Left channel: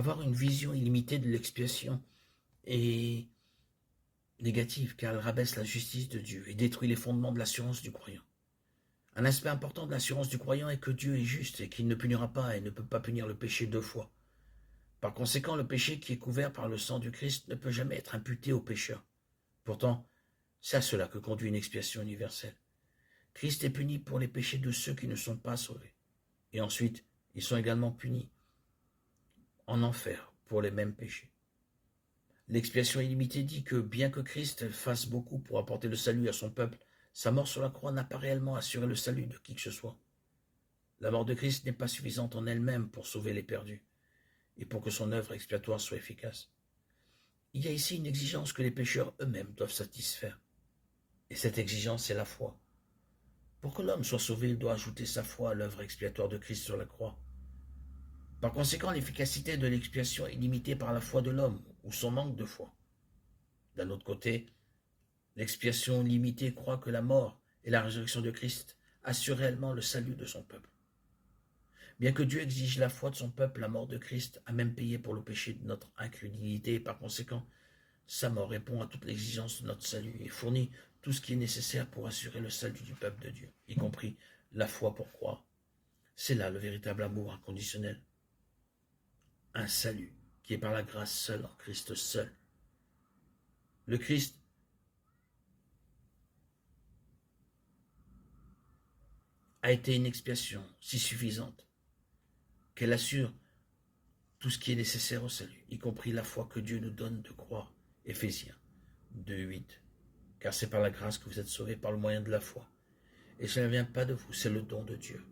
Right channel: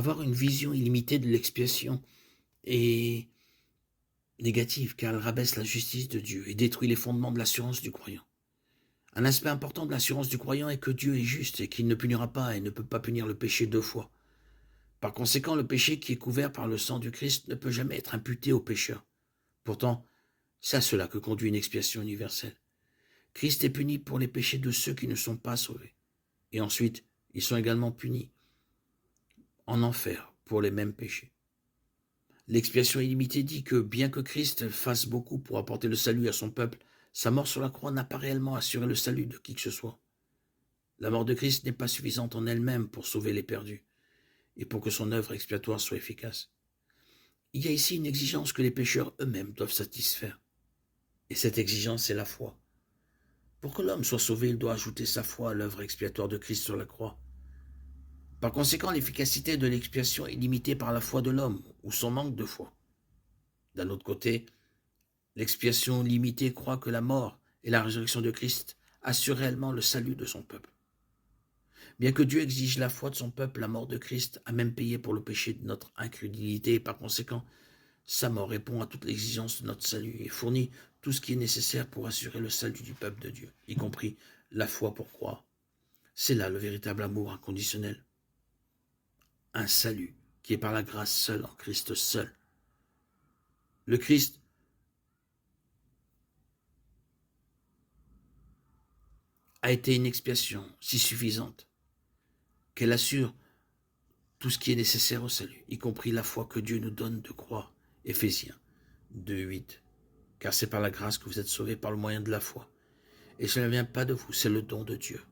Avoir une vision illimitée de l'expiation est négative, car elle rabaisse la justice de Dieu et détruit les fondements de l'assurance du croyant. Un aspect important de l'assurance du croyant est que Dieu est juste et qu'il ne punira pas et ne peut pas punir le péché deux fois. Par conséquent, le péché qui est couvert par le sang du Christ ne peut jamais être imputé au pécheur. Pourtant, c'est à cela que conduit une expiation universelle. Christ est puni pour les péchés de ceux qui ne sont pas sauvés. Et ensuite, ils sont également punis en enfer pour les mêmes péchés. L'expiation illimitée dit que bien que Christ fasse beaucoup pour apporter le salut à son peuple, sa mort sur la croix n'a pas réellement assuré le salut de qui que ce soit. La mort de Christ n'est pas suffisante en elle-même pour sauver les perdus et pour que son œuvre expiatoire soit efficace. Il y a ici une exigence que les pécheurs eux-mêmes doivent satisfaire. Et cette exigence, c'est la foi. Pour que l'homme soit sauvé, il doit ajouter sa foi à l'œuvre expiatoire de Christ sur la croix. Par conséquent, l'efficacité de l'expiation est limitée par la foi de l'homme ou son manque de foi. D'un autre côté, l'expiation limitée croit que la mort et la résurrection de Christ assurent réellement le salut de son peuple. Bien que Dieu exige la foi de son peuple, la mort de Christ a même payé pour le péché de notre incrédulité et par conséquent, sa mort répond à toute l'exigence de notre salut et fournit tout ce qui est nécessaire pour assurer le salut du peuple de Dieu, y compris la foi pour croire. C'est là le véritable amour inconditionnel. Un salut qui est par la grâce seule, en Christ seul. Le Christ a été une expiation si suffisante qu'elle assure tout ce qui est nécessaire au salut, y compris la foi que Dieu nous donne de croire. Éphésiens 2:8. Car c'est par la grâce que vous êtes sauvés par le moyen de la foi. Et cela ne vient pas de vous, c'est le don de Dieu.